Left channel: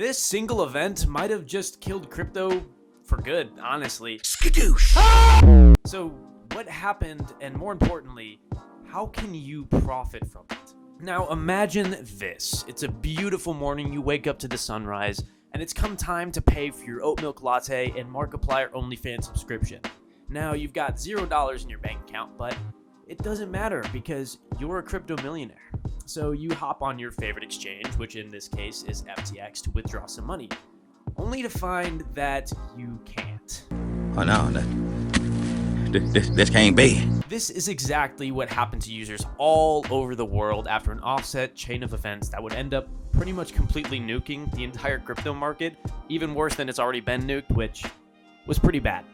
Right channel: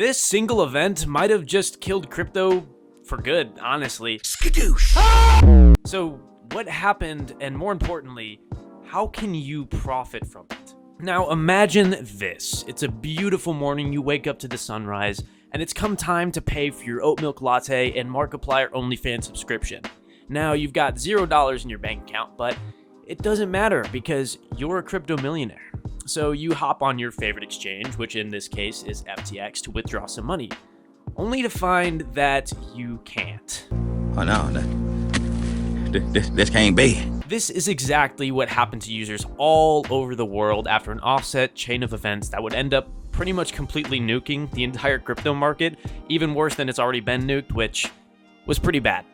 This single event might have just killed crypto for good, honestly. Skadoosh! So what happened, and more importantly, how can you profit from it? Now imagine this. It's a beautiful morning, you wake up to the sunrise, and it's come time to pay for your Oat Milk Latte and Markiplier OnlyFans subscription. Now you've got $0 in your bank account, but it doesn't matter because you're a crypto millionaire. So you hop on your favorite exchange, which in this case is FTX, to withdraw some money, only to find that you can't. Oh no, this can't be. This is exactly what happened to users all over the world after an offset chain of events that would end up pretty much completely nuking the entire crypto market, even worse than it's already been nuked, which was pretty bad.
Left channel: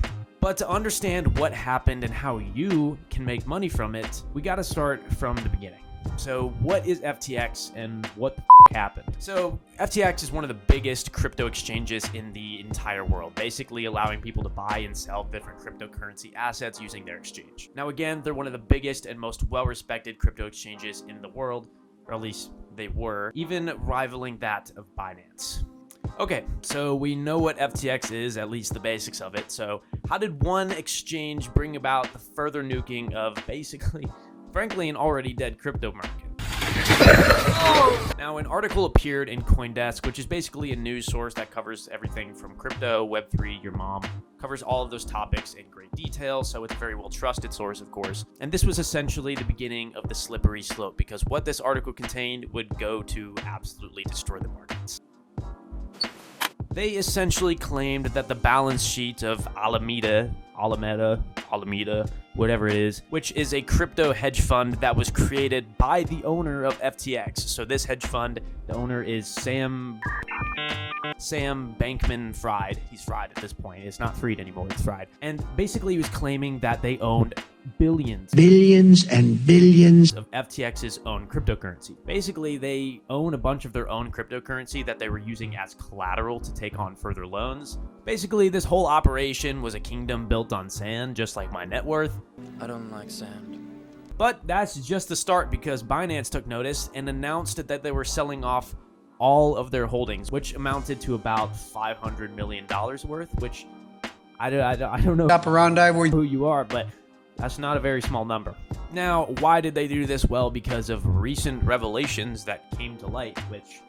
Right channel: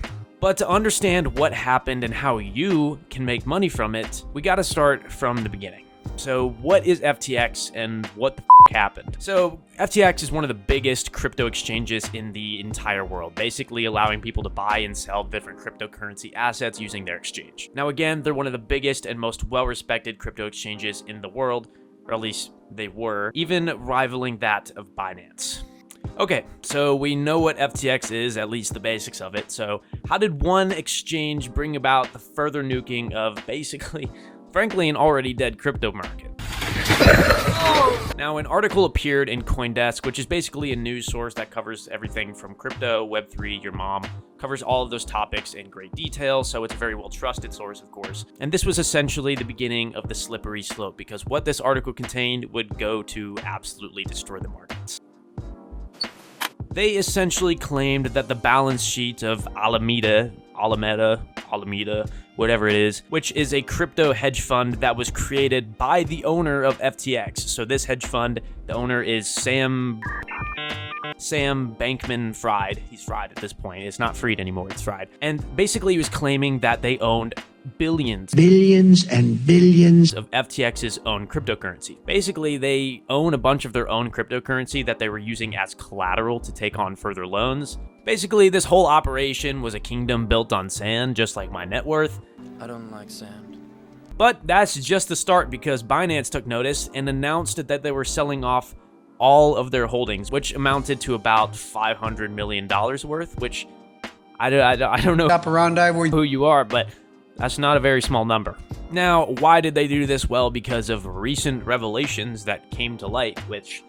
But to understand what happened and how you can make money from it, we gotta start from the beginning. So what is FTX and what the happened? So FTX is one of the biggest crypto exchanges in the entire world, basically allowing people to buy and sell different cryptocurrency assets using their exchange. Now again, they're one of the biggest and most well-respected crypto exchanges in the world, or at least they were, even rivaling that of Binance. Okay, so we know what FTX is, at least the basics of it. So how did one exchange bring about the further nuking of basically, frankly, an already dead crypto market? Now, an article appeared in CoinDesk, which is basically a news source that covers everything from crypto, Web3, your mom, covers all of those topics in great detail, so it's a very well-trusted source, of course. And this was essentially the beginning of the slippery slope, because what this article contained would go to absolutely destroy the markets. They essentially claimed that the balance sheet of Alameda, whatever it is, which is a crypto hedge fund that was created by the owner of FTX. So this hedge fund, the owner is Sam Bankman-Fried. He's fried at this point. It's not freed anymore, it's fried. And basically he was claiming that they owned billions and billions of FTX's own cryptocurrency. Basically, they own a bunch of their own cryptocurrency that they were using as collateral to take on further loans. Basically, this whole operation was a kingdom built on sand, just like my net worth. I don't like sand. But that's just the start, because Binance took notice and announced that they were selling off all of their holdings, which amounted to about $500 million worth, which I don't know who you are, but that's not a very small number. Now, why did they do this? Well, because of recent revelations that came to light, which,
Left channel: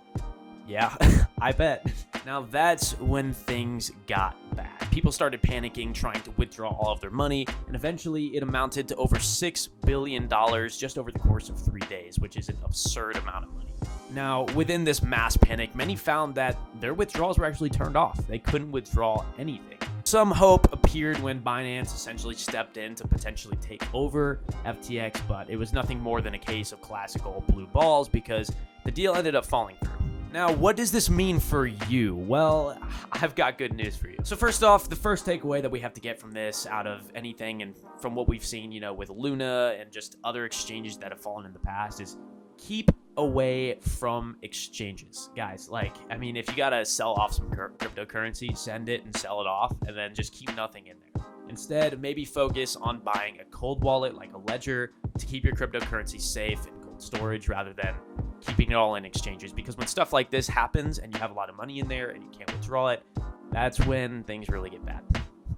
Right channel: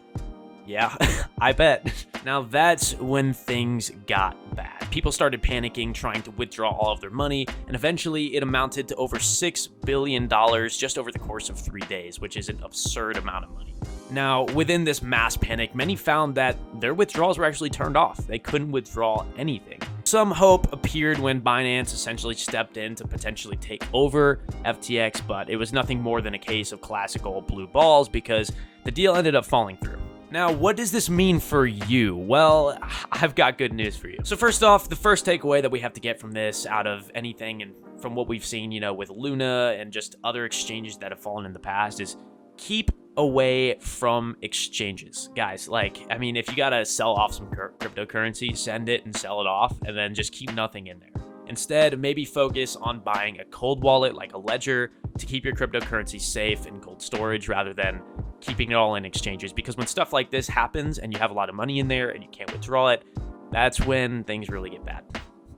yeah, I bet. Now, that's when things got bad. People started panicking, trying to withdraw all of their money, and eventually it amounted to over $6 billion just over the course of 3 days, which is an absurd amount of money. Now, within this mass panic, many found that their withdrawals were actually turned off. They couldn't withdraw anything. Some hope appeared when Binance essentially stepped in to potentially take over FTX, but it was nothing more than a case of classical blue balls because the deal ended up falling through. Now, what does this mean for you? Well, I've got good news for you. So first off, the first takeaway that we have to get from this out of anything and from what we've seen, with Luna and just other exchanges that have fallen in the past is keep away from exchanges. Guys, if you gotta sell off some cryptocurrency, send it and sell it off, and then just keep nothing in there. Instead, maybe focus on buying a cold wallet like a ledger to keep your cryptocurrency safe in cold storage rather than keeping it all in exchanges. Because when stuff like this happens and you have a lot of money in there and you can't withdraw it, that's when things really get bad.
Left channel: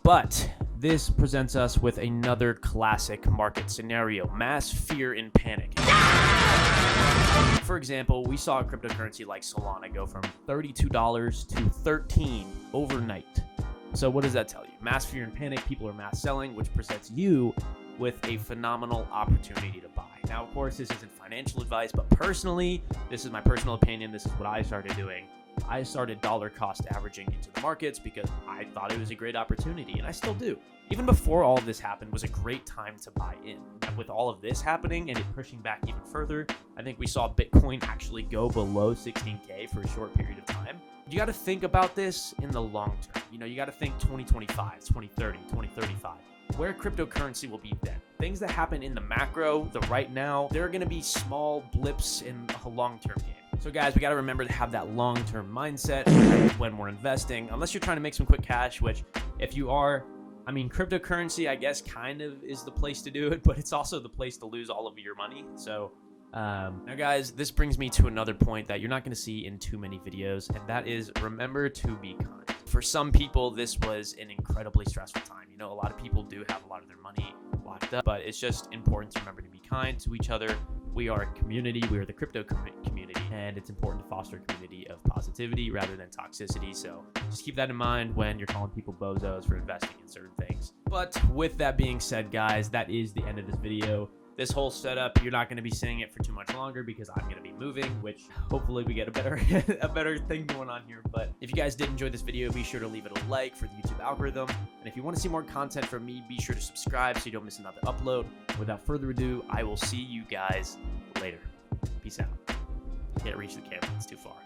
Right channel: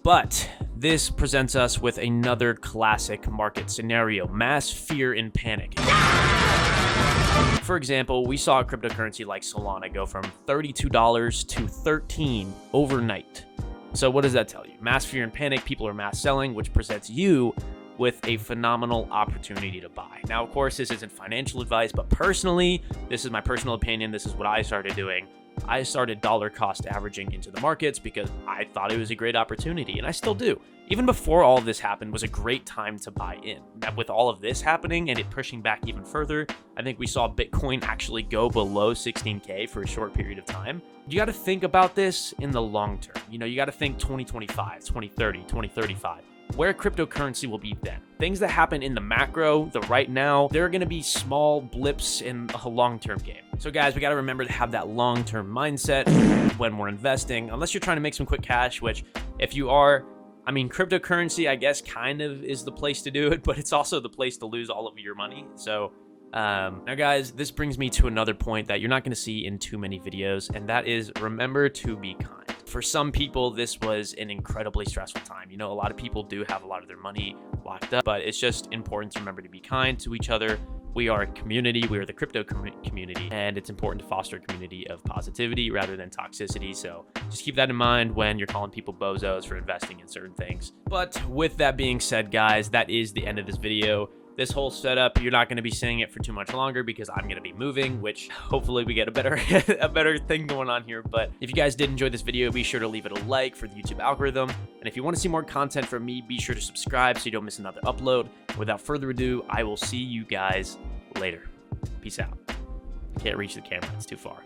But this presents us with another classic market scenario: mass fear and panic. For example, we saw a cryptocurrency like Solana go from $32 to $13 overnight. So what does that tell you? Mass fear and panic, people are mass selling, which presents you with a phenomenal opportunity to buy. Now, of course, this isn't financial advice, but personally, this is my personal opinion. This is what I started doing. I started dollar cost averaging into the markets because I thought it was a great opportunity, and I still do. Even before all of this happened was a great time to buy in. Now, with all of this happening and it pushing back even further, I think we saw Bitcoin actually go below 16K for a short period of time. You got to think about this in the long term. You got to think 2025, 2030, 2035. Where cryptocurrency will be then. Things that happen in the macro, the right now, there are going to be small blips in a long-term game. So guys, we got to remember to have that long-term mindset when we're investing, unless you're trying to make some quick cash, which if you are, cryptocurrency, I guess, kind of is the place to do it, but it's also the place to lose all of your money. So Now guys, this brings me to another point that you're not going to see in too many videos, and that is remember to be kind. For some people, this was an incredibly stressful time. You know, a lot of people do have a lot of their money locked up, but it's just important to remember to be kind to each other. We are a community, we are the crypto community, and it's important to foster a community of positivity rather than toxicity. So just keep that in mind when you're calling people bozos for investing in certain things. But with that being said, guys, that is the end of this video. This whole setup, you're not going to be seeing it for too much longer because I'm going to be moving, which hopefully we get a better thing going on here. But if you guys did enjoy this video, be sure to leave it a like for the YouTube algorithm. And if you want to see more content from me, be sure to subscribe so you don't miss another upload. Without further ado, I will see you guys later. Peace out. Can't reach the camera, it's too far.